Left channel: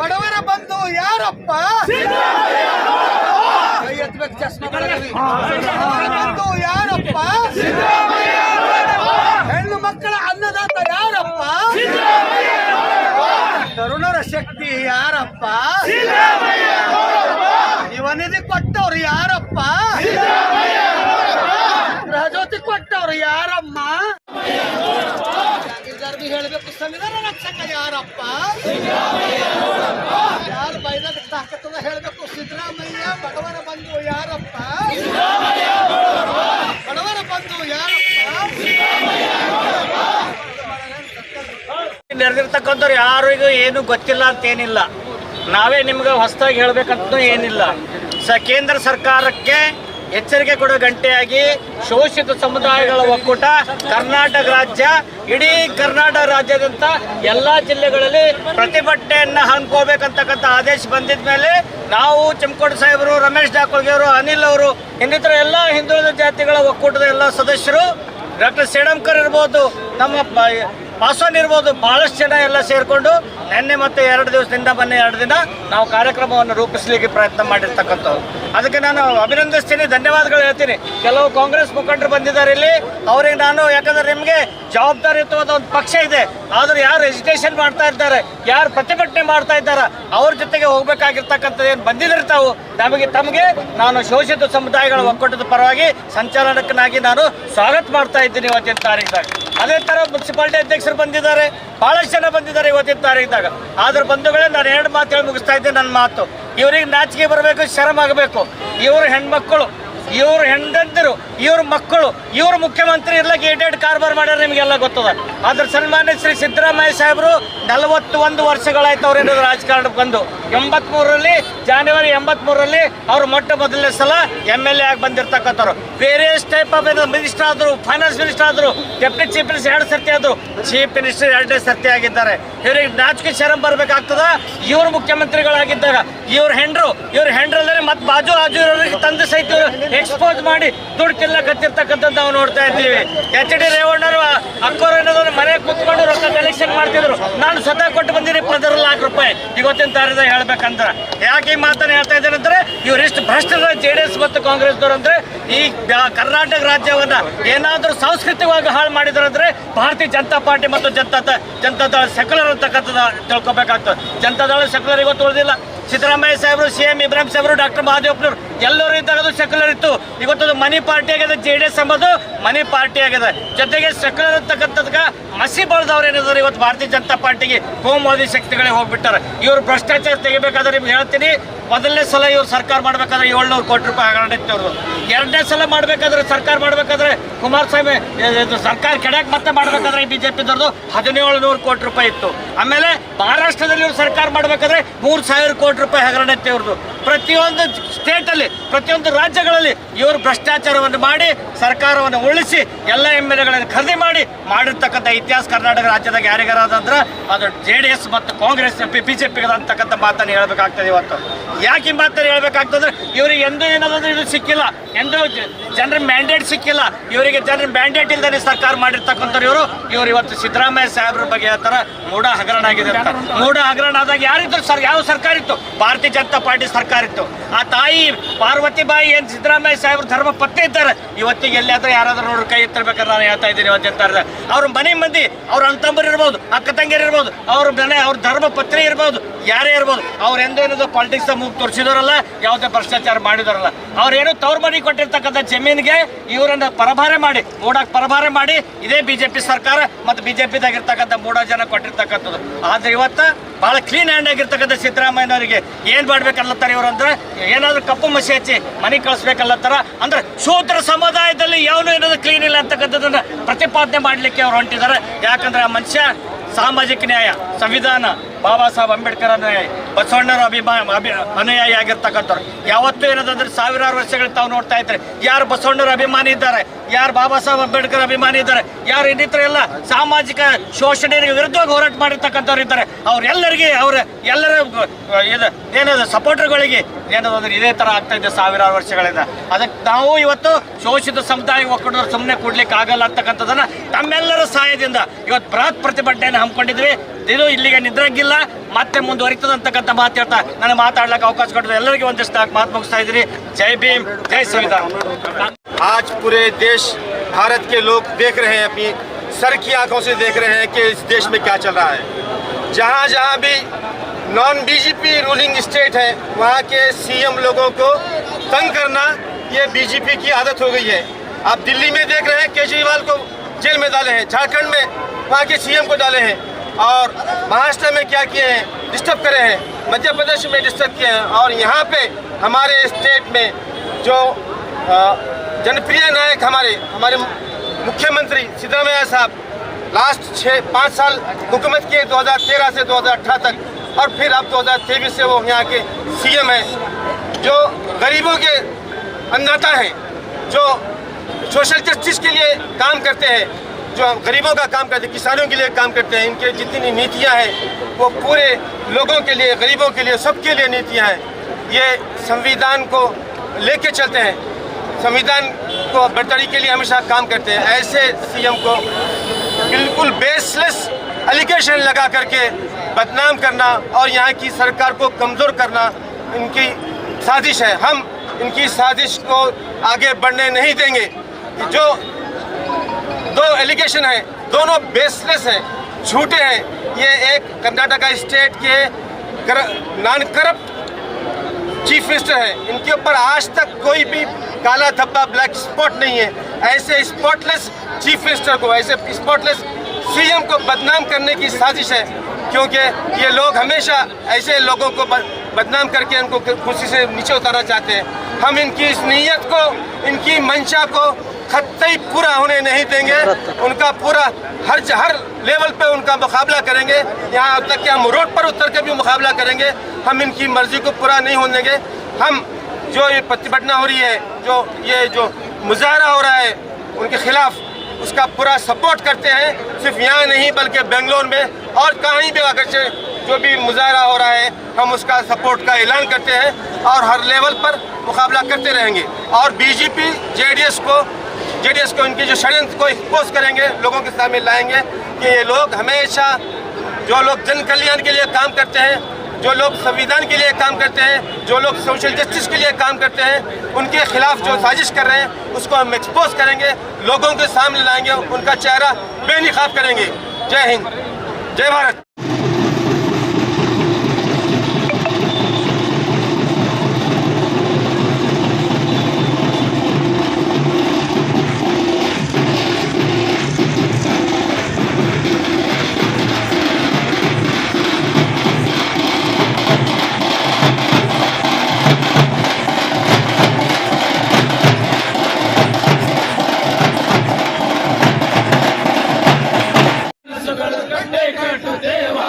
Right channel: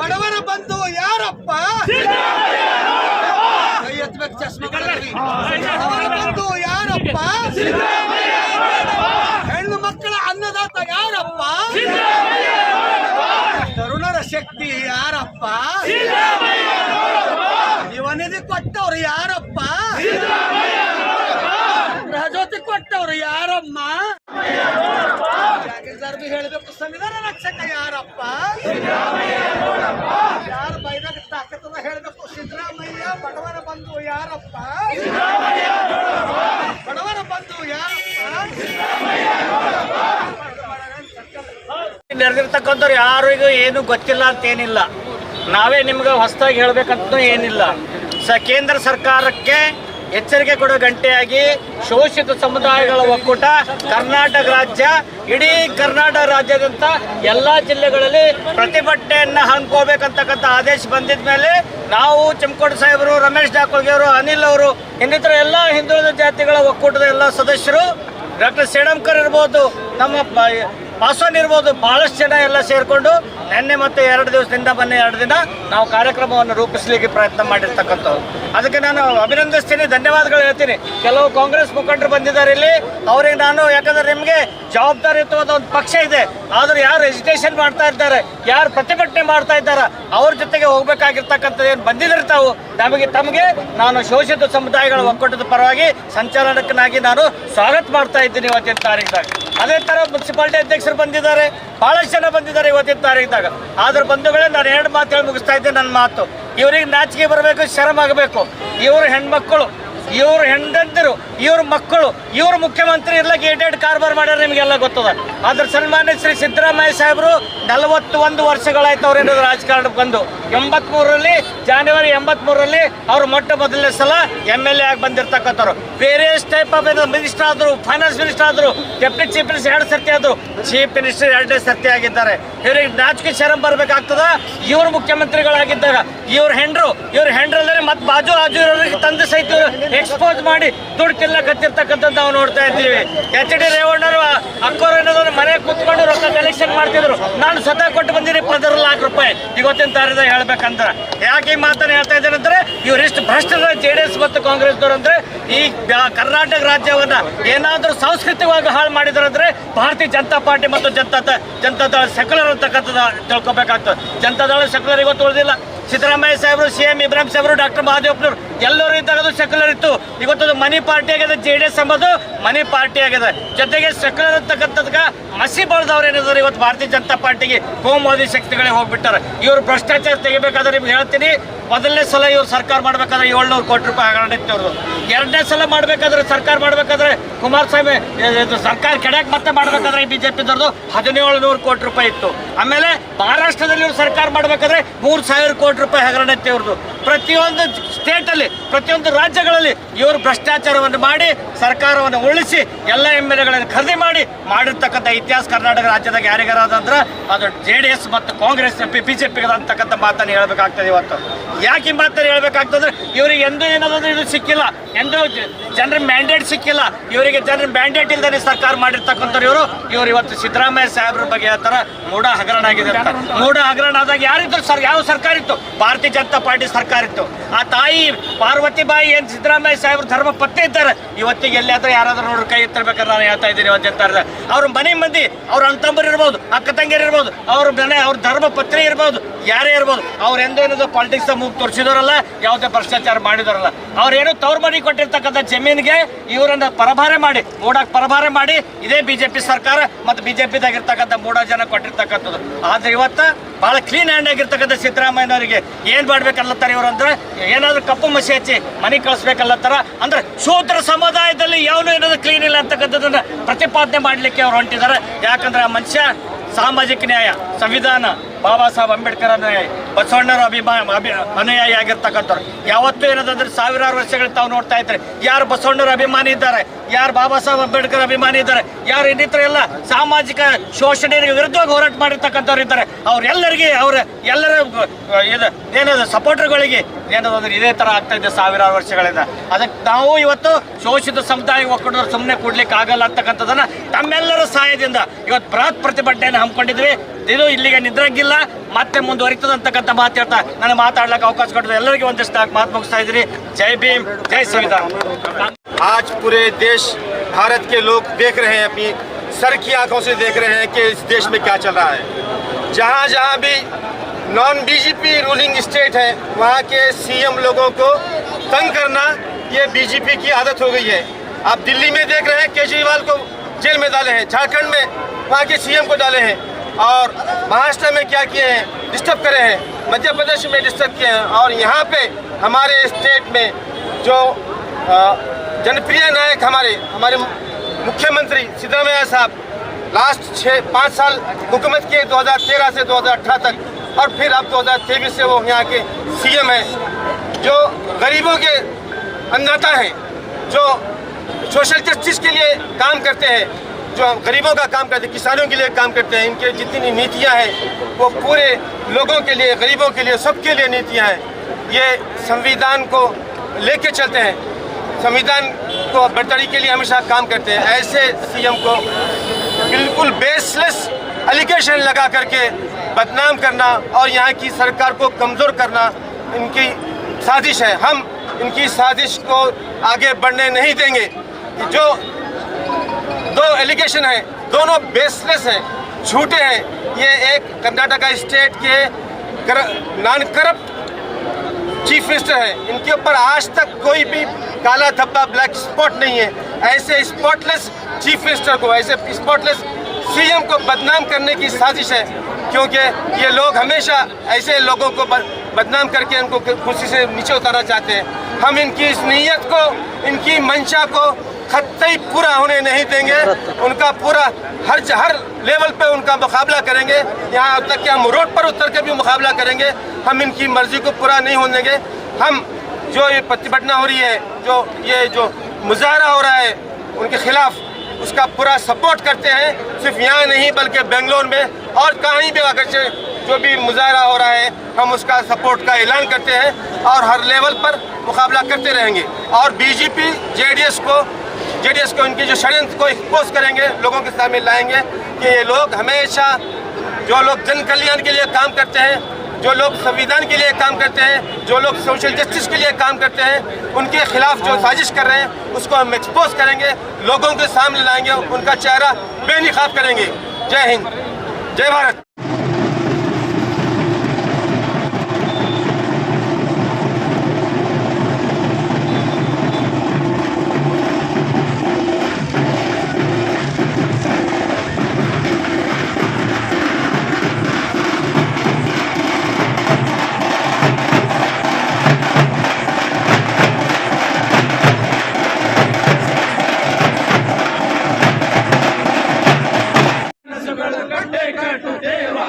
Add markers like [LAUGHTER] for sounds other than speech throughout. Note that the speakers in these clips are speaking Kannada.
ಬಡವರ ಬಂಧು ಯಾರಪ್ಪ. ಬಡವರ ಬಂಧು ಯಾರಪ್ಪ ಹೆಣ್ಣು ಮಕ್ಕಳ ಅನ್ನದಾತ ಯಾರಪ್ಪ ತರುಣರ ಶಕ್ತಿ ಯಾರಪ್ಪ ಯುವನಿಧಿ ಕೊಟ್ಟವ್ರು ಯಾರಪ್ಪ ರಾಜೋತಿ ಕೊಟ್ಟವ್ರು ಯಾರಮ್ಮ ಜಾಗೀರ್ದಾರ್ ಬಿ ಹೇಳ್ಬೇಕು, ಸಂವಿಧಾನ ರಕ್ಷಕ ಯಾರಪ್ಪ? ಯಾರು ಬೈದಾಗ ತಾಕತ್ತದ ಹೇಳ್ಬೇಕು? ಸಿದ್ದರಾಮಯ್ಯ, ಬಡವರ ಬಂಧು ಯಾರಪ್ಪ? ಬಡವರ ಬಂಧು ಯಾರಪ್ಪ? ನೆರೆದಿರ್ತಕ್ಕಂಥವ್ರು ಯಾರಿಗೂ ಏನು ಗೊತ್ತಿಲ್ಲ ಅಂತ ಏನಿಲ್ಲ. ನಾವೇ ನಿಮ್ಗೆ ಹೊಸದಾಗಿ ಹೇಳ್ಬೇಕಂತ ಏನಿಲ್ಲ. ಸ ಕೇಂದ್ರ ಸರ್ಕಾರಕ್ಕೆ ಎಚ್ಚರಿಕೆ ಕೊಡುವ ಗಂಟೆಯಾಗಿ ಶೋಷಿತ ಸಮುದಾಯಗಳ ಒಕ್ಕೂಟ, ಕರ್ನಾಟಕ ರಾಜ್ಯ, ಇಡೀ ಕರ್ನಾಟಕ ರಾಜ್ಯದಂತ ಎಲ್ಲ ಜಿಲ್ಲೆಗಳಲ್ಲಿ ಪ್ರತಿಭಟನೆಯನ್ನ ಹಮ್ಮಿಕೋಬೇಕಂತಕ್ಕಂಥ ಆದೇಶ ಬಂದಿದ ಮೇಲೆ ನಾವು ಚಿಮ್ಕೋಡ್ ಸಾಹೇಬರು, ರಮೇಶ್ ಜಾಕೋಳ್ಗೆ ಅವರು ಅನಿಲ್ ಅವರು, ಇನ್ನಿತರ ಎಲ್ಲ ಹಿಂದುಳಿದ ಜಾತಿಗಳ ಒಕ್ಕೂಟದ ಎಲ್ಲ ಸದಸ್ಯರು, ಡಾಕ್ಟರ್ ಸೇಡಂಕರ್ ಇರ್ಬೋದು, ನಮ್ಮ ಪಾಸ್ವಾನ್ ಇರ್ಬೋದು, ಬಹಳಷ್ಟು ಜನ ಎಲ್ಲ ಸೇರಿಕೊಂಡು ನಿನ್ನೆ ಮತ್ತೆ ಎರಡು ದಿವಸದಿಂದ ಮೊನ್ನೆ ಎರಡು ದಿನ ನಾವು ಕಾರ್ಯಕ್ರಮವನ್ನು ರೂಪಿಸಲಿಕ್ಕೆ ಪ್ರಯತ್ನ ಮಾಡಿರ್ತಕ್ಕಂಥವ್ರು. ಅದಕ್ಕೆ ನಾನು ಅಭಿನಂದಿಸ್ತೀನಿ, ಧನ್ಯವಾದಗಳು ಹೇಳ್ತೀನಿ. ಕೆಲವು ಕಾಂಗ್ರೆಸ್ ಮುಖಂಡರು ಬಂದಿದ್ದಾರೆ ಇಲ್ಲಿ. ಅವರಿಗೆ ನಾನು, ಯಾಕಂದ್ರೆ ನಿಮಗೆ ಜವಾಬ್ದಾರಿಯುತವಾದ ಒಂದು ಪಕ್ಷ ಇದೆ. ಆದ್ರೆ ಯಾರು ಎಜಿಟೇಷನ್ ಮಾಡ್ತಾ ಇದ್ದಾರೆ, ಯಾರು ಪ್ರತಿಭಟನೆ ಮಾಡ್ತಾ ಇದ್ದಾರೆ, ಅವ್ರ ಜೊತೆಗೆ ಹೋಗ್ಬೇಕಾಗಿರ್ತಕ್ಕಂಥದ್ದು ಏನು ಬಂದಿದ್ದಾರೆ ತಾವು ನಮಗೆ ತಮಗೆ ನಾನು ಶೋಷಿತ ಸಮುದಾಯಗಳ ಒಕ್ಕೂಟದ ಪರವಾಗಿ ಸಂಚಾಲಕನಾಗಿ ನಾನು ಸ್ವಾಗತ ಮಾಡ್ತಾ ಇದ್ದೀನಿ ಇವತ್ತಿನ ತಾರೀಕಿದಾಗ ಅದೇ ತರ ಮುನ್ಸಿಪಾಲಿಟಿ ಅಧ್ಯಕ್ಷರು ಬಂದಿದ್ದಾರೆ, ಬಹಳಷ್ಟು ಜನ ಬಂದಿದ್ದಾರೆ ಇವತ್ತಿನ ತಾರೀಕಿದಾಗ ಆದ್ರ ಬಂಧುಗಳೇ, ನಾನು ಎರಡು ಮಾತು ಹೇಳಿ ಮುಗಿಸ್ತಾ ಇದ್ದೀನಿ ನನ್ನ ಮಾತು. ಇವರಿಗೆ ನಾಚಿಕೆ ಬರಬೇಕು ಶರಮ್ ಆಗಬೇಕು ಇವರು ಹೆಣ್ಮಕ್ಕಳು ಇವ್ರ ಹೆಂಡಂತಿರು ಇವ್ರ ಮಕ್ಕಳು, ಇವ್ರ ಮುಖ್ಯಮಂತ್ರಿ ಇರ್ಲಕ್ಕೆ ಏಟೆಡ್ ಕಾರ್ಬಾರ್ ಮಾಡ್ಯಾರ ನಿಮಗೆಲ್ಲ ಗೊತ್ತದ. ಅದ್ರ ಸನ್ಮಾನ್ಯ ಶ್ರೀ ಸಿದ್ದರಾಮಯ್ಯ ಸಾಹೇಬರು ನಲವತ್ತು ಒಂದು ವರ್ಷಗಳಾಯ್ತು ಅವ್ರೇನು ರಾಜಕಾರಣಕ್ಕೆ ಬಂದು. ಎಂಬತ್ಮೂರರಲ್ಲಿ, ಜಾನ್ವರಿ ಎಂಬತ್ಮೂರರಲ್ಲಿ ಅವ್ರು ಮೊಟ್ಟ ಮೊದಲನೇ ಸಲ ಎಂ ಎಲ್ ಎ ಆಗಿ ಬಂದಿರ್ತಕ್ಕಂಥವ್ರು. ವೇರಿಯಸ್ ಟೈಪ್ ಆಫ್ ಮಿನಿಸ್ಟರ್ ಆದ್ರು ಫೈನಾನ್ಸ್ ಮಿನಿಸ್ಟರ್ ಆದ್ರು ಡೆಪ್ಟಿ ಚೀಫ್ ಮಿನಿಸ್ಟರ್ ಎರಡು ಸರ್ತಿ ಆದ್ರು. ಚೀಫ್ ಮಿನಿಸ್ಟರ್ ಎರಡನೇ ಸರ್ತಿ ಆಗಿದ್ದಾರೆ. ಇವ್ರಿಗೆ ನಾಚಿಕೆ ಶರಂ ಬರ್ಬೇಕಾಗ್ತದ. ಇವ್ರು ಮುಖ್ಯಮಂತ್ರಿಗಳಾಗಿದ್ದಾಗ ಇವ್ರ ಹೆಂಡ್ರು, ಇವ್ರ ಹೆಂಡ್ರಲ್ಲೇ ಮತ್ತೆ ಬಾಜು ಆಜು ಇರೋರಿಗೆ ತಂದೆ ಸಹಿತ ಎಕ್ಸ್ಪೋಸ್ ಮಾಡಿ ದುಡ್ಡು ತಿನ್ನಕತ್ತಿರ್ತಕ್ಕಂಥದ್ದು ನಾವು ನೋಡ್ತಾ ಇದ್ದೀವಿ. ಎಚ್ ಡಿ ರೇವಣ್ಣರು, ಅಕ್ಕೋರು ಏನಾದ್ರು ಮನೆ ಕುತ್ಕೊಂಡು ರೊಕ್ಕ ಕಲೆಕ್ಷನ್ ಮಾಡ್ತಿದ್ರು. ನಾನು ಸ್ವತಃ ಕೊಟ್ಟು ಬಂದಿರಿ ಪದರ ಲಾಖ ರೂಪಾಯಿ. ಇವತ್ತಿನ ತಾರೀದ ಹೇಳ್ಬೇಕಂದ್ರೆ. ಯಾಕೆ ಈ ಮಾತನ್ನ ಹೇಳ್ತಾ ಇದ್ದೇನೆ ಅಂದ್ರೆ ಇವರಿಷ್ಟು ಭ್ರಷ್ಟರ ಜೆ ಡಿ ಎಸ್ ಮತ್ತು ಕಾಂಗ್ರೆಸ್ದವ್ರು ಅಂದ್ರೆ, ಈ ಕರ್ನಾಟಕ ರಾಜ್ಯವನ್ನ ಏನಾದರೂ ಸಾಂಸ್ಕೃತಿಕವಾಗಿ ಹಾಳು ಮಾಡಿದ್ರಂದ್ರೆ ಭಾರತೀಯ ಜನತಾ ಪಾರ್ಟಿ ಮತ್ತು ಜನತಾ ಜನತಾ ದಳ ಸೆಕ್ಯುಲರ್ ಅಂತಕ್ಕಂಥದ್ದು ತಿಳ್ಕೊಬೇಕಾಗ್ತದೆ. ಜನತಾ ದಳ ಸೆಕ್ಯುಲರ್ ಇವತ್ತು ಉಳಿದಿಲ್ಲ. ಸಿದ್ದರಾಮಯ್ಯ ಸಾಹೇಬರು ಸಿ ಎಂ ಇಬ್ರಾಹಿಂ ಸಾಹೇಬರು ಡಾಕ್ಟರ್ ಮಹಾದೇವಪ್ಪನವರು ಎಲ್ಲರೂ ಇದ್ದಾಗ ಅದು ಸೆಕ್ಯುಲರ್ ಇತ್ತು. ಇವತ್ತು ಮನಿ ಪಾರ್ಟಿ ಆಗಿದೆ, ಜೆ ಡಿ ಎಸ್ ಎಂಬುದು ಮನಿ ಪಾರ್ಟಿ ಆಗಿದೆ. ಜೊತೆಗೆ ಸೆಕ್ಯುಲರ್ ಅಂತಕ್ಕಂಥದ್ಕ ಮಸಿ ಬಳದವ್ರು ಏನಿದ್ದಾರೆ ಇವತ್ತು ಭಾರತೀಯ ಜನತಾ ಪಾರ್ಟಿಗೆ ಕೋಮುವಾದಿ ಶಕ್ತಿಗಳೇ ಹೋಗ್ಬಿಟ್ಟಾರೆ. ಇವರು ಭ್ರಷ್ಟಾಚಾರ ತೆಗಿಬೇಕಾದ್ರೆ ನಿಮ್ಗೆ ಹೇಳ್ತೀನಿ, ಮೊದಲನೇ ಸಲ ಇವ್ರು ಸರ್ಕಾರ ಮಾಡ್ಬೇಕಾದ್ರೆ ಏಳ್ನೂರು ಕೋಟಿ ರೂಪಾಯಿ ಹಗರಣ ಇತ್ತು ಅವರು ಎರಡನೇ ಸಲ ಮಾಡ್ಬೇಕಾದ್ರೆ ಸರ್ಕಾರ ಮಾಡ್ಬೇಕಾದ್ರೆ ಕುಮಾರಸ್ವಾಮಿ ಸರ್ಕಾರ ಕೆಡಕ್ ಮತ್ತೆ ಮಾಡ್ಬೇಕಾದ್ರೆ ಬಿ ಜೆ ಪಿದವ್ರದ್ದು ಹದಿನೇಳು ನೂರು ಕೋಟಿ ರೂಪಾಯಿ ಇತ್ತು. ಆಮೇಲೆ ಮಹಾರಾಷ್ಟ್ರದಲ್ಲಿ ಇವ್ರು ಸರ್ಕಾರ ಮಾಡ್ಬೇಕಾದ್ರೆ ಮೂರು ಸಾವಿರ ಕೋಟಿ ರೂಪಾಯಿ ಹಗರಣ ಇತ್ತು ಇವ್ರದ್ದು. ಪ್ರತಿಯೊಂದು ಸ್ಟೇಟಲ್ಲಿ ಪ್ರತಿಯೊಂದು ರಾಜ್ಯಗಳಲ್ಲಿ ಇವರು ಭ್ರಷ್ಟಾಚಾರವನ್ನು ಮಾಡಿ, ಸರ್ಕಾರವನ್ನು ಉಳಿಸಿ ಎಲ್ಲ ಎಂ ಎಲ್ ಎಗಳನ್ನು ಖರೀದಿ ಮಾಡಿ, ಮಾಡಿರ್ತಕ್ಕಂಥ ಇತಿಹಾಸ ಕರ್ನಾಟಕ ರಾಜ್ಯದಾಗ ಯಾರಿಗಾರಾದಂದ್ರೆ ಅದು ಜೆ ಡಿ ಎಸ್ ಮತ್ತು ಕಾಂಗ್ರೆಸ್ ಬಿ ಜೆ ಪಿಗೆ ಅಂತಕ್ಕಂಥ ಮಾತನ್ನು ಹೇಳ್ಬೇಕಾಗ್ತದೆ ಇವತ್ತು. ಯಾಕೆ ಮಾತನ್ನು ಹೇಳ್ಬೇಕಾಗ್ತದೆ? ಇವರಿಗೆ ಎಂದೂ ಏನಾದ್ರೂ ಇದು ಸಿಕ್ಕಿಲ್ಲ. ಎಂದೂ ಜನರ ಮ್ಯಾಂಡೇಟ್ ಸಿಕ್ಕಿಲ್ಲ. ಇವರಿಗೆ ಜನರ ಮ್ಯಾಂಡೇಟ್ ಇಲ್ದೇ ಸರ್ಕಾರ ಮಾಡಿರ್ತಕ್ಕಂಥವ್ರು ಇವರು. ಇವರು ಇವತ್ತು ಸಿದ್ದರಾಮಯ್ಯ ಸಾಹೇಬ್ರ ಬಗ್ಗೆ ಹೇಳ್ತಾರ ಮೂಡ ಹಗರಣ ಆಗಿದೆ ಅಂತ. ಮೂಡ ಹಗರಣ ಆದಾಗ ಯಾರಿದ್ರು ಸರ್, ಯಾವ ಸರ್ಕಾರ ಇತ್ತು? ಭಾರತೀಯ ಜನತಾ ಪಾರ್ಟಿ ಸರ್ಕಾರ ಇತ್ತು. ಆ ತಾಯಿ ಪಾರ್ವತಿ ಬಾಯಿ ಏನು ಸಿದ್ದರಾಮಯ್ಯ ಸಾಹೇಬ್ರ ಧರ್ಮ ಪತ್ತೆ ಇದ್ದಾರೆ. ಇವತ್ತಿಗೆ ಎಲ್ಲಿಯಾದ್ರೂ ಯಾರಾದ್ರೂ ನೋಡ್ರಿ ಕೈ ಎತ್ತಿರ್ಬೇಕಾದ್ರೆ ನಾನು ಹೇಳ್ತಾ ಇದ್ದೀನಿ ಇವತ್ತು ಹೇಳ್ತಾರೆ ಅವ್ರ ಮನೆ ಮಂದಿ, ಅವ್ರ ಅಣ್ತಂಬರು ಇರ್ಬೋದು, ಅಕ್ಕ ತಂಗಿಯರು ಇರ್ಬೋದು, ಅವ್ರ ಮನೆ, ಅವ್ರ ಧರ್ಮ ಪತ್ನಿ ಇರ್ಬೋದು, ಯಾರೇ ಇರ್ಬೋದು. ಅವ್ರು ಎಂದೇನದು ಪಾಲಿಟಿಕ್ಸ್ ಮೂಗ್ ತೋರಿಸಿದವರಲ್ಲ ಯಾವುದೇ ಭ್ರಷ್ಟಾಚಾರ ಮಾಡಿದವರಲ್ಲ ಅವ್ರೇನು ತವ್ರ ಮನೆ ಕೊಟ್ಟಿರ್ತಕ್ಕಂಥ ಜಮೀನಿಗೆ ಇವರನ್ನ ಪರಭಾರೆ ಮಾಡಿ ಮೂಡಕ್ ಪರಭಾರೆ ಮಾಡಿ ಇದೇ ಬಿಜೆಪಿ ಸರ್ಕಾರ ಮತ್ತು ಬಿಜೆಪಿದಾಗಿರ್ತಕ್ಕಂಥ ಮೂಡ ಜನ ಕೊಟ್ಟಿರ್ತಕ್ಕಂಥದ್ದು. ಆದ್ರೆ ಇವತ್ತು ಬಹಳ ಕ್ಲೀನ್ ಹ್ಯಾಂಡ್ ಆಗಿರ್ತಕ್ಕಂಥ ಸಿದ್ದರಾಮಯ್ಯನವರಿಗೆ ಏನ್ ಮಾಡ್ಬೇಕಲ್ಲತ್ತಾರ ಇವರು ಅಂದ್ರೆ, ಏನಾದ್ರು ಕಪ್ಪು ಮಸಿ ಹಚ್ಚಿ ಮನೆ ಕಳಿಸ್ಬೇಕಲ್ಲತ್ತಾರ ಅಂದ್ರೆ ಶೂದ್ರ ಸಮುದಾಯದಲ್ಲಿ ಯಾವನು ಏನಾದ್ರು ಕ್ಲೀನ್ ಇಲ್ಲ ಅಂತಕ್ಕಂಥದ್ದನ್ನ ಪ್ರತಿಪಾದನೆ ಮಾಡ್ಲಿಕ್ಕೆ ಅವ್ರು ಹೊಂಟಿದ್ದಾರೆ. ಯಾಕಂದ್ರೆ ಆ ಮನುಷ್ಯ ಸಾಮಾಜಿಕ ನ್ಯಾಯ, ಸಂವಿಧಾನ ಬಾಬಾ ಸಾಹೇಬ್ ಅಂಬೇಡ್ಕರ್ ಅನುಯಾಯಿ ಬಸವಣ್ಣರ ಅಭಿಮಾನ ಅಭಿ ಅನುಯಾಯಿ ಆಗಿರ್ತಕ್ಕಂಥವ್ರು. ಯಾವತ್ತೂ ಏನದಂದ್ರೆ ಸಾವಿರಾರು ವರ್ಷಗಳು ತಾವು ನೋಡ್ತಾ ಇದ್ರೆ ಯಾರು ಬಸವಣ್ಣರ ಅಭಿಮಾನಿ ಇದ್ದಾರೆ, ಯಾರು ಬಾಬಾ ಸಾಹೇಬ್ ಅಂಬೇಡ್ಕರ್ ಅಭಿಮಾನಿ ಇದ್ದಾರೆ, ಯಾರು ಇನ್ನಿತರ ಎಲ್ಲ ಸಾಮಾಜಿಕ ಶೋಷಣೆಗೆ ವಿರುದ್ಧವಾಗಿ ಹೋರಾಟ ಮಾಡಿರ್ತಕ್ಕಂಥವ್ರು ಇದ್ದಾರೆ. ಅವ್ರೆಲ್ಲರಿಗೆ, ಅವ್ರ ಎಲ್ಲರ ಇದು, ಏನದು ಸಪೋರ್ಟರ್ಗಳಿಗೆ ಏನದಂದ್ರೆ ಇದೇ ತರ ಆಗ್ತಾ ಇದೆ ಸಾವಿರಾರು ವರ್ಷಗಳಿಂದ. ಅದಕ್ಕೆ ನಾವು ಇವತ್ತು ಶೋಷಿತ ಸಮುದಾಯ ಒಕ್ಕೂಟರು ಸುಮ್ಮನೆ ಕೊಡ್ಲಿಕ್ಕೆ ಆಗಲ್ಲ ಅಂತಕ್ಕಂಥದ್ದನ್ನು ತಮ್ಮೆಲ್ಲರ ಸಹಾಯದಿಂದ ಇವತ್ತು ಬೃಹತ್ ಪ್ರತಿಭಟನೆಯನ್ನು ಹಮ್ಮಿಕೊಂಡಿದ್ವಿ. ಇದು ಇಲ್ಲಿಗೆ ನಿದ್ರಂಗಿಲ್ಲ ಮತ್ತೆ ಮುಂದುವರಿತದೆ ಅಂತಕ್ಕಂಥ ಮಾತು ಹೇಳ್ತಾ ನಾನು ಮಾತಾಡ್ಲಿಕ್ಕೆ ಅವಕಾಶ ಕೊಟ್ಟಿದ್ದು ಎಲ್ಲರಿಗೂ ಒಂದಿಷ್ಟು ಮಾತು ಮುಗಿಸ್ತಾ ಇದ್ದೀರಿ ಜೈ ಭೀಮ್ ಜೈ ಸಂವಿಧಾನ आज पूरे देश भारत के लोग देख रहे हैं अपनी सर की आंखों से देख रहे हैं कि इस देश में क्या चल रहा है जहाँ जहाँ भी नॉन बीजेपी रूलिंग स्टेट है वहाँ के सीएम लोगों को तंग करना ये बीजेपी की आदत हो गई है आप दिल्ली में देख रहे हैं केजरीवाल को जेल में डाले हैं झारखंड में वहाँ के सीएम को डाले हैं और महाराष्ट्र में क्या किए हैं? डिस्टर्ब करे हैं। मध्य प्रदेश में डिस्टर्ब किए हैं। और यहाँ पे हमारे स्टेट में जो जनप्रिय नायक हमारे हमारे मुख्यमंत्री सिद्धरामैया साहब लास्ट छः पाँच साल हुकूमत किए 2013 से 2018 तक। और फिर अब 2023 से वो यहाँ के सीएम हैं, जो गरीबों के अन्नदाता हैं, जो सोशल जस्टिस के लिए काम करते हैं। जो हम गरीबों का काम करते हैं किसानों के लिए काम करते हैं, इनके जितनी नीतियाँ हैं, वो पूरे लोगों के लिए, गरीबों के लिए, सबके लिए नीतियाँ हैं। ये संविधान को लेके चलते हैं। संविधान को बढ़तरी के लिए हमेशा काम करते हैं। ऐसे सीएम को बिल्कुल बेसलेस एलिगेशन लगा करके बदनाम करना और यहाँ की सरकार को कमज़ोर करना इनकी साजिश है। हम इनकी साजिश को आगे बढ़ने नहीं देंगे। जो दो एलिगेशन है दोनों बेसलेस हैं झूठे हैं। ये एक कर्नाटका स्टेट के कर, नॉन करप्ट चीफ मिनिस्टर है। इनके ऊपर आज तक कोई भी काला धब्बा ब्लैक स्पॉट नहीं है। ऐसे स्पॉटलेस चीफ मिनिस्टर को ऐसे स्पॉटलेस सीएम को बदनाम करने की साजिश है क्योंकि ये लोग हमेशा ऐसे लोगों को बदनाम करके उनको खुशी से नीचे उतारना चाहते हैं। हम इनकी इस नीयत को इनकी मंशा को खत्ते पूरा होने नहीं देंगे। उनका पूरा हर हर लेवल पे उनका मुकाबला करेंगे। यहाँ अब तक कि हम रोड पर उतर के भी मुकाबला करेंगे। हम इनकी मर्ज़ी को पूरा नहीं होने देंगे। हम जो ये प्रतिभटना हो रही है जो ये जो मुजाहरा हो रहा है उनके खिलाफ उसका पूरा सपोर्ट करते हैं। सिर्फ़ यहाँ नहीं बल्कि बेंगलोर में और कहीं भी अगर से जो भी मुजाहरा हो रहा है हम उसका सपोर्ट का ऐलान करते हैं और हर लेवल पर मुकाबला करते रहेंगे। और बीजेपी जेडीएस को जेडीएस को इनके जो षड्यंत्र को एक्सपोज करेंगे, लोगों के सामने लाएँगे कि ये लोग हमेशा जो लोग जन कल्याण के लिए काम करते हैं, जो लोग संविधान के लिए काम करते हैं, जो लोग सोशल जस्टिस के लिए काम करते हैं, उनके खिलाफ जो साजिश कर रहे हैं, उसको हम एक्सपोज करेंगे, लोगों के सामने लाएँगे, उनका चेहरा बेनिकाब करेंगे। जय हिंद। जय भारत। ಜಾತಿವಿಲ್ಲದ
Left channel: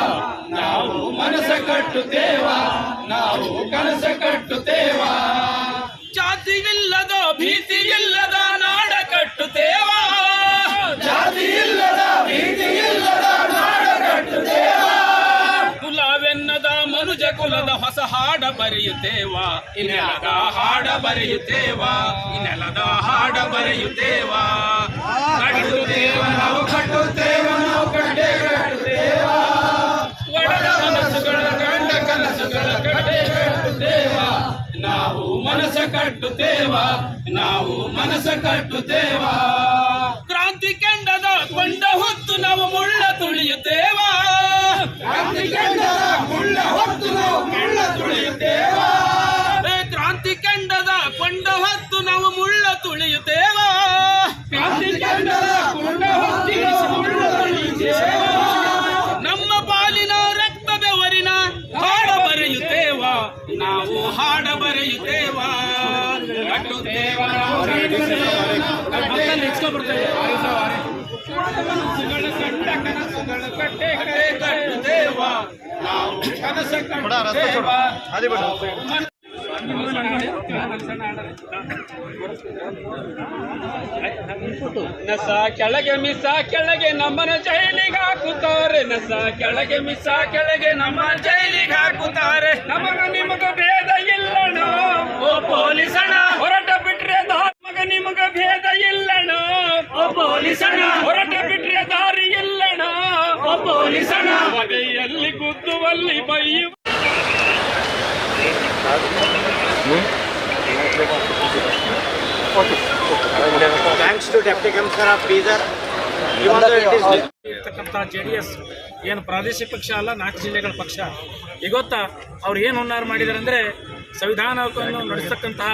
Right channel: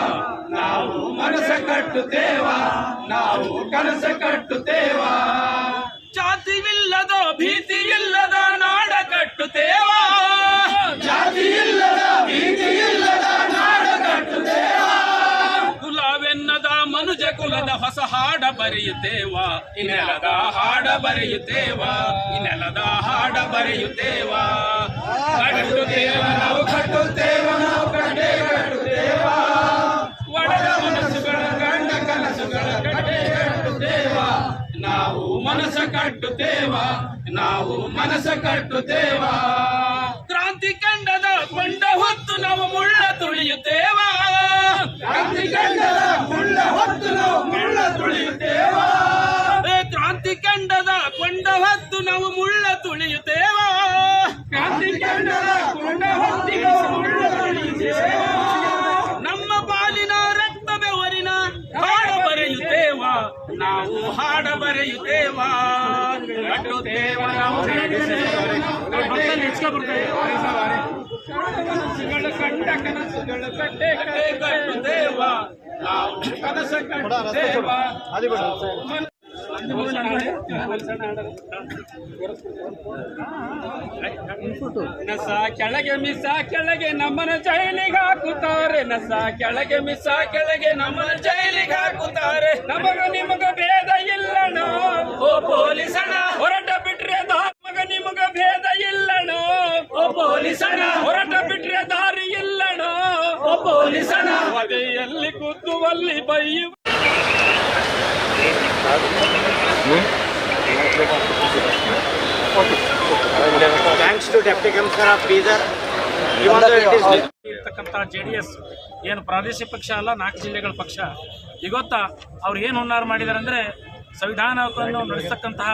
ಮನುಜ ಕುಲದ ಹೊಸ ಹಾಡ ಬರೆಯುತ್ತೇವಾ? ಈ ನೆಲದ ಹಾಡ ಬರೆಯುತ್ತೇವಾ? ಈ ನೆಲದ ಹಾಡ ಬರೆಯುತ್ತೇವಾ? ಕಟ್ಟುತ್ತೇವ ನಾವು ಕಟ್ಟುತ್ತೇವ ನಾವು ಕಟ್ಟೆ ಕಟ್ಟುತ್ತೇವಾ? ಒಡದ ಮನಸ್ಸುಗಳ ಗಂಡ ಕನಸುಗಳ ಕಟ್ಟೆ ಕಟ್ಟುತ್ತೇವ? ನಾವು ಮನಸ್ಸ ಕಟ್ಟುತ್ತೇವ? ನಾವು ಮನಸ್ಸ ಕಟ್ಟುತ್ತೇವ? ಕ್ರಾಂತಿ ಕಂಡದ ಕೊಂಡ ಹೊತ್ತು ನಾವು ಮುಳ್ಳ ತುಳಿಯುತ್ತೇವ? ಕ್ರಾಂತಿ ಕಂಡದ ಮುಳ್ಳ ಹೊತ್ತು ನಾವು ಮುಳ್ಳ ತುಳಿಯುತ್ತೇವ? ಕ್ರಾಂತಿ ಕಂಡದ ಕೊಂಡ ಹೊತ್ತು ನಾವು ಮುಳ್ಳ ತುಳಿಯುತ್ತೇವ? ಕ್ರಾಂತಿ ಕಂಡದ ಕೊಂಡ ಹೊತ್ತಿ ನಾವು ಮುಳ್ಳ ತುಳಿಯುತ್ತೇವ? ನಮ್ಮ ಪಾಲಿನ ರಕ್ತ ಬೆವರಿನ ಹಾಡ ಬರೆಯುತ್ತೇವಾ? ನಾವು ಹಾಡ ಬರೆಯುತ್ತೇವಾ? ಕಟ್ಟುತ್ತೇವ ನಾವು? ಕಟ್ಟುತ್ತೇವ. ಬರ್ತಾರೆ. ಕನಸುಗಳ ನಸ ಕೆಳಗೆ ಮಿಸ, ಕೆಳಗೆ ನಮ್ಮನ ಜೈಲಿಗೆ ಹಾಕುತ್ತಾರೆ. ನಸ ಕೆಳಗೆ ಮಿಸ, ಕೆಳಗೆ ನಮ್ಮನ್ನು ಜೈಲಿಗೆ ಹಾಕುತ್ತಾರೆ. ನಮಗ ನಿಮಗ ಭೇದ ಇಲ್ಲಣ ಓ ಪೊಲೀಸಣ್ಣ, ಹೊರಟ ಬಿಟ್ರೆ ದಾರಿ ಮಗ ನಿಮಗ ಭೇದ ಇಲ್ಲಣ ಓ ಪೊಲೀಸಣ ಹೊರಟ ಬಿಟ್ರೆ ದಾರಿ ಇಲ್ಲಣ ಓ ಪೊಲೀಸಣ ಬದಿಯಲ್ಲಿ ಕುದ್ದುವಲ್ಲಿ ಬೈಯು. Thanks to deputy commissioner of Bidar ಇರ್ತಕ್ಕಂಥ ಜೆ ಡಿ ಎಸ್ ಏನು ಪ್ರಾದೇಶಿಕ ಪಕ್ಷ ಅಲ್ಲ ನಾಲ್ಕು ಜಿಲ್ಲೆಗಳ ಪಕ್ಷ. ಇವತ್ತ ಅವ್ರು ಏನು ಹುನ್ನಾರ ಮಾಡಿದ್ದಾರೆ ಅಂದರೆ ಸಂವಿಧಾನವನ್ನು ನಡೆಸತಕ್ಕಂತಹ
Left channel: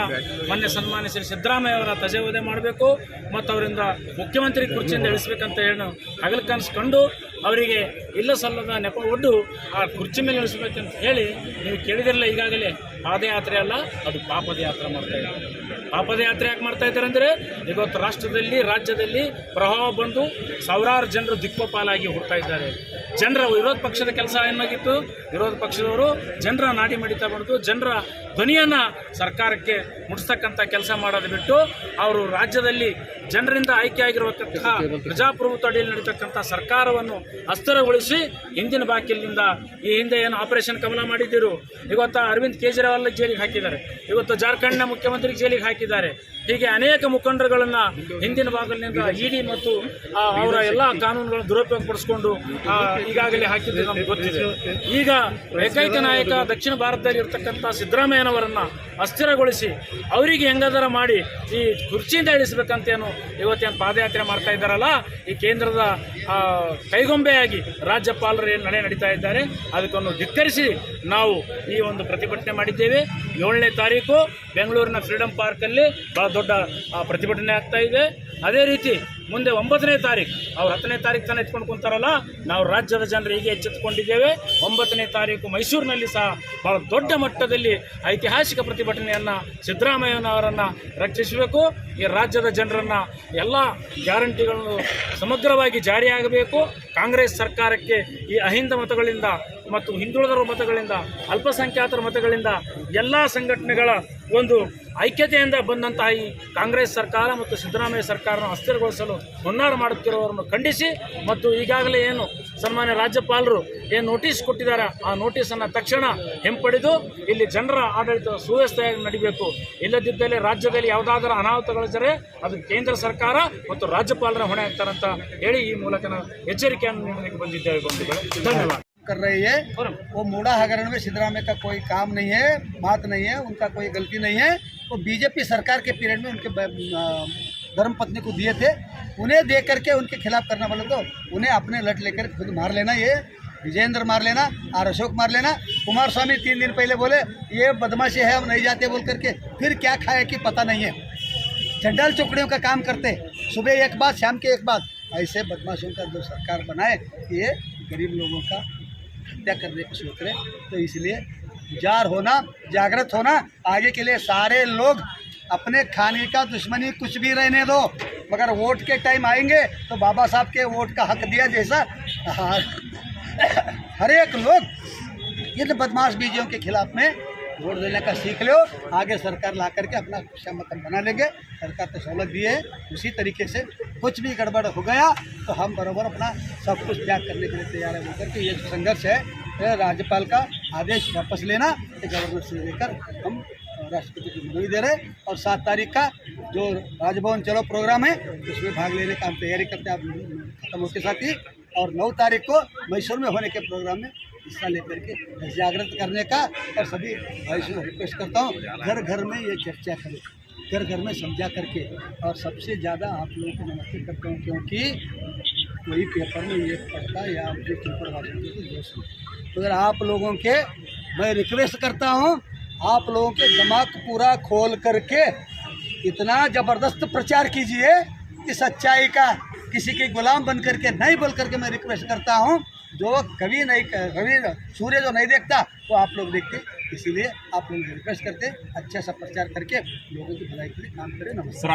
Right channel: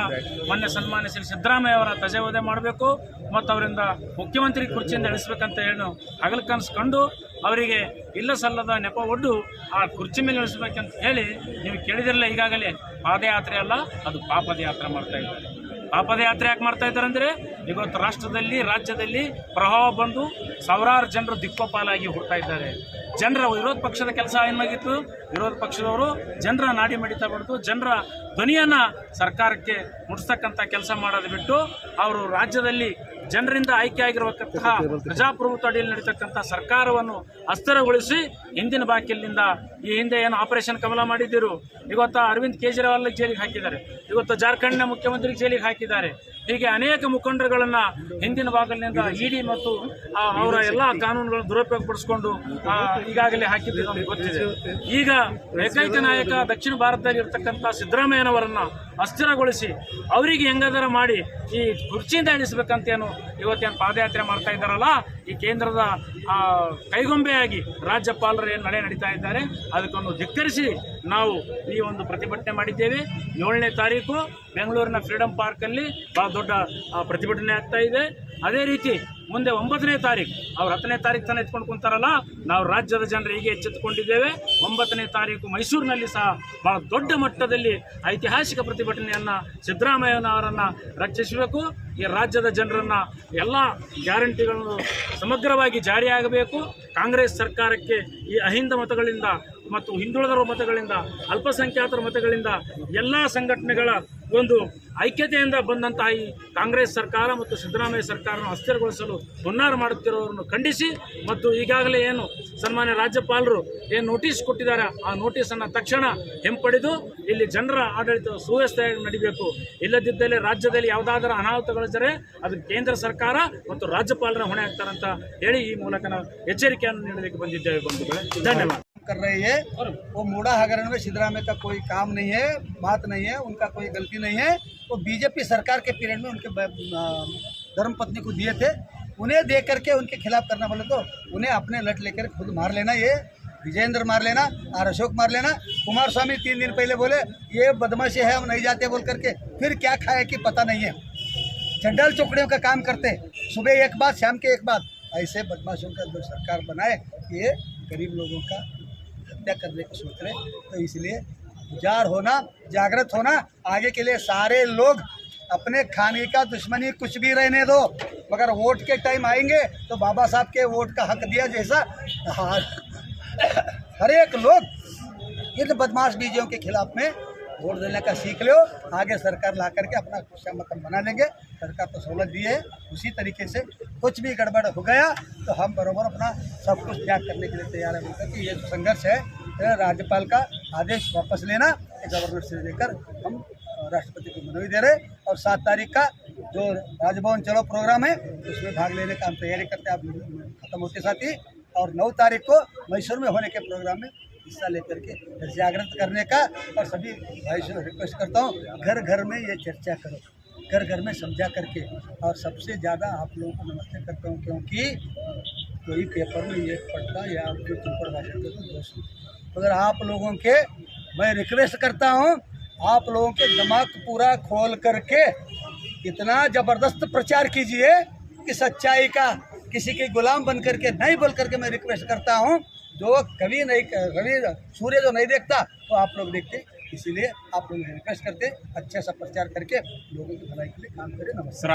ಮೊನ್ನೆ ಸನ್ಮಾನ್ಯ ಶ್ರೀ ಸಿದ್ದರಾಮಯ್ಯ ಅವರ ತಜೆವಧೆ ಮಾಡಬೇಕು ಮತ್ತು ಅವರಿಂದ ಮುಖ್ಯಮಂತ್ರಿ ಕುರ್ಚಿಯಿಂದ ಇಳಿಸ್ಬೇಕಂತ ಏನು ಹಗಲು ಕನಸು ಕಂಡು ಅವರಿಗೆ ಇಲ್ಲ ಸಲ್ಲದ ನೆಪ ಒಡ್ಡು ಆ ಕುರ್ಚಿ ಮೇಲೆ ಇಳಿಸ್ಬೇಕಂತ ಹೇಳಿ ನೀವು ಕೇಳಿದಿರಲ್ಲ ಈಗಾಗಲೇ ಪಾದಯಾತ್ರೆ ಅಲ್ಲ, ಅದು ಪಾಪದ ಯಾತ್ರೆ ಮಾಡ್ತಾ ಇದ್ದಾರೆ. ಪಾಪದ ಯಾತ್ರೆ ಯಾಕೆ ಮಾಡ್ತಾ ಇದ್ದಾರೆ ಅಂದರೆ ಇವತ್ತು ರಾಷ್ಟ್ರದಲ್ಲಿ, ರಾಜ್ಯದಲ್ಲಿ ಪ್ರಭಾವ ಬಂದು ಸಾವಿರಾರು ಜನರು ದಿಕ್ಕೋಪಾಲಾಗಿ ಹುಡ್ತಾ ಇದ್ದಾರೆ. ಜನರ ವಿರೋಧ ಪಕ್ಷದ ಕೆಲಸ ಏನಾಗಿತ್ತು? ವಿರೋಧ ಪಕ್ಷದವರು ಜನರ ನಾಡಿ ಮಡಿತ ಬಂದು ಜನರ ಧ್ವನಿಯನ್ನು ಸರ್ಕಾರಕ್ಕೆ ಮುಟ್ಟಿಸ್ತಕ್ಕಂಥ ಕೆಲಸ ಮಾಡೋದು ಬಿಟ್ಟು, ಅವರು ರಾಜ್ಯದಲ್ಲಿ ಜನರಿಂದ ಆಯ್ಕೆಯಾಗಿರುವಂತಹ ಪ್ರಜಾಪ್ರಭುತ್ವ ಅಡಿಯಲ್ಲಿ ನಡೀತಕ್ಕಂಥ ಸರ್ಕಾರವನ್ನು ಅಸ್ಥಿರಗೊಳಿಸಿ ಹಿಂದಿನ ಬಾಕಿಲಿನಿಂದ ಈ ಹಿಂದೆ ಏನು ಆಪರೇಷನ್ ಕಮಲ ಮಾಡಿದ್ದರು. ಇವತ್ತು ಅರವಿಂದ್ ಕೇಜ್ರಿವಾಲ್ ಜೈಲಿಗೆ ಹಾಕಿದ್ದಾರೆ. ಇವತ್ತು ಜಾರ್ಖಂಡ್ನ ಮುಖ್ಯಮಂತ್ರಿ ಜೈಲಿಗೆ ಹಾಕಿದ್ದಾರೆ. ಹೀಗೆ ಅನೇಕ ಮುಖಂಡರುಗಳನ್ನು ಹಿಂದಿನ ಭಾಗಲಿನಿಂದ ಇಡಿ ಮತ್ತು ಅವರ ಎಲ್ಲ ಕಾನೂನುಗಳನ್ನು ದುರುಪಯೋಗ ಪಡಿಸಿಕೊಂಡು ಈಗಾಗಲೇ ಹಾಕಿದ್ದು ನಮ್ಗೆ ಗೊತ್ತಿದೆ. ಈಗ ಏಕೈಕ ನಾಯಕ ದಕ್ಷಿಣ ಭಾರತದಲ್ಲಿ ಇರ್ತಕ್ಕಂಥ ಸಿದ್ದರಾಮಯ್ಯನವರನ್ನ ಅಸ್ಥಿರಗೊಳಿಸಿ ಅವರಿಗೆ ಹೆಂಗಾದರ ಮಾಡಿ ಈ ಕುರ್ಚಿಯಿಂದ ಇಳಿಸ್ಬೇಕಂತೇನು ಇವತ್ತೇನು ಪಾದಯಾತ್ರೆ ಮಾಡ್ತಾ ಇದ್ದಾರಲ್ಲ, ಈ ಕೇಂದ್ರದ ಕೈಗೊಂಬೆಯಾಗಿ ರಾಜ್ಯಪಾಲರು ಏನು ನಡೆ ನಡೀತಾ ಇದ್ದಾರೆ, ಅದಕ್ಕೊಂದು ಧಿಕ್ಕರಿಸಿ ನಾವು ಈ ಒಂದು ಪ್ರತಿಭಟನೆ ಮಾಡಿದ್ದೇವೆ. ಏಳನೇ ತಾರೀಕು ಬೆಂಗಳೂರಿನ ಫ್ರೀಡಂ ಪಾರ್ಕಲ್ಲಿ ಭಾಳ ದೊಡ್ಡ ಪ್ರತಿಭಟನೆ ಆಗ್ತಾ ಇದೆ. ಅದೇ ರೀತಿ ಮುಂದೆ ಒಂಬತ್ತನೇ ತಾರೀಕು ಅವ್ರು ಹತ್ತನೇ ತಾರೀಕು ತಾನೇ ಎತ್ಕೊಂಡು ಕುಂತಾರಲ್ಲ, ನಾವು ರಾಜ್ಯದ ಜನರು ಹೀಗೆ ಎಚ್ಚೆತ್ತುಕೊಂಡಿದ್ದೇವೆ. ಒಂಬತ್ತನೇ ತಾರೀಕು ಮೈಸೂರಿನಲ್ಲಿ ಸಹ ಭಾಳ ದೊಡ್ಡ ಮಟ್ಟದಲ್ಲಿ ಐತಿಹಾಸಿಕ ಪ್ರತಿಭಟನೆಯನ್ನು ಸಿದ್ದರಾಮಯ್ಯನವರನ್ನು ರಕ್ಷಿಸಬೇಕು. ಈ ರಾಜ್ಯದ ಜನರನ್ನು ಎಲ್ಲ ಗ್ಯಾರಂಟಿಗಳನ್ನು ಸಮಗ್ರವಾಗಿ ಜಾರಿಯಾಗಬೇಕು. ಕಾಂಗ್ರೆಸ್ ಸರ್ಕಾರಕ್ಕೆ ಈ ಅಹಿಂದ ಮತಗಳಿಂದ ಮತ್ತು ಹಿಂದುಳಿದರ ಮತಗಳಿಂದ, ಅಲ್ಪಸಂಖ್ಯಾತರ ಮತಗಳಿಂದ ಎಲ್ಲ ಸಂಘಟನೆಗಳ ಒಂದು ಐಕ್ಯತೆಯಿಂದ ಬಂದಂತಹ ಈ ಕಾಂಗ್ರೆಸ್ ಸರ್ಕಾರ ಮತ್ತು ಸಿದ್ದರಾಮಯ್ಯ ಸರ್ಕಾರನ ಅಸ್ಥಿರಗೊಳಿಸಲು ಹುನ್ನಾರ ಮಾಡುತ್ತಿರುವವರನ್ನು ಖಂಡಿಸಿ ಮತ್ತು ಈಗಾಗಲೇ ಏನು ಸನ್ಮಾನ್ಯ ರಾಜ್ಯಪಾಲರು ಏನು ನೋಟಿಸ್ ಕೊಟ್ಟಿದ್ದಾರೆ, ಆ ನೋಟಿಸನ್ನು ತಕ್ಷಣ ಹಿಂಪಡೆದು ಇಲ್ಲಿ ಜನರ ಆಡಳಿತ ಸುವ್ಯವಸ್ಥೆಯಾಗಿ ನಡಿಬೇಕು. ಇಲ್ಲದಿದ್ದಲ್ಲಿ ರಾಜ್ಯದಲ್ಲಿ ಯಾವುದಾದರೂ ಅನಾಹುತಗಳಿದ್ದರೆ ಅದು ಕೇಂದ್ರ ಸರ್ಕಾರ ಮತ್ತು ರಾಜ್ಯಪಾಲರ ಹೊಣೆ ಆಗ್ತಾರಂತ ಹೇಳಿ ಈ ಮೂಲಕ ನಾವು ಎಚ್ಚರಿಕೆಯನ್ನು ನೀಡಲಿಕ್ಕೆ ಬಂದಿದ್ದೇವೆ ಬಂಧುಗಳೇ. ಧನ್ಯವಾದ. कर रही है वो मूड़ा हगरण में सिद्धरामैया का कोई काम नहीं है बात नहीं है उनका कोई गलती नहीं है। वो बीजेपी सरकार के पीरियड में उनके ब- आ, धर्म पत्नी को दिए थे। उन्हें दे करके उनके खिलाफ करना बोले तो उन्हें अपने लट लेकर खुद मार लेना ये। विजेंद्र मार लेना आर अशोक मार लेना। कुमार स्वामी तीन दिन पहले बोले ये बदमाशी है हम नहीं जाते बोल करके। फिर क्या खाया कि पता नहीं है। चंडाल चौकड़ियों का काम करते। सुबह एक बात शाम के एक बात। ऐसे बदमाशों का जो सरकार बनाए ये गरीब लोगों का हत्या करने की सोच रहे तो इसलिए जार होना, जागृत होना, आगे के लिए सारे लोग अपने खाने का दुश्मनी कुछ भी रहने दो, मगर वोट के टाइम आएँगे तो बाबा साहब के वोट का हक दिया जैसा [COUGHS] हर एक लोग इन बदमाश बीजियों के खिलाफ में वोट देने का सीख लो। आगे सरकार ला करके अपना क्षमतन बना लेंगे। सरकार तो सहूलत दी है। उसी तरीके से कुछ भी गड़बड़ हो गया तो हम बराबर अपना सब कुछ त्याग करने के लिए तैयार है। बोलकर कि ये जो संघर्ष है राज्यपाल का आदेश वापस लेना गवर्नर से लेकर हम राष्ट्रपति को मनोई दे रहे और सात तारीख का जो राजभवन चलो प्रोग्राम है, उसमें भाग लेने का हम तैयारी करते हैं। आप खत्म होते साथ ही। और नौ तारीख को मैसूर में होने के प्रोग्राम में हिस्सा लेकर के जागृत करने का और सभी भाई से रिक्वेस्ट करता हूँ, घर घर में ये चर्चा करो। घर घर में समझा करके और सबसे ज़्यादा आप लोगों को नमस्ते करता हूँ क्योंकि कोई पेपर में ये पढ़ता या आपके पेपर तो जो सुनते मगर आप लोगों के, मैं रिक्वेस्ट करता हूँ, आप लोगों के दिमाग पूरा खोल करके इतना ज़बरदस्त प्रचार कीजिए कि सच्चाई का किसी के गुलाम बन करके नहीं बोल करके मैं रिक्वेस्ट करता हूँ। जो कभी नहीं कभी सूर्य जो नहीं देखता, वो आप लोग देखते। इसीलिए आप लोग रिक्वेस्ट करते अच्छा सा प्रचार करके लोगों की भलाई के लिए काम करें। नमस्कार।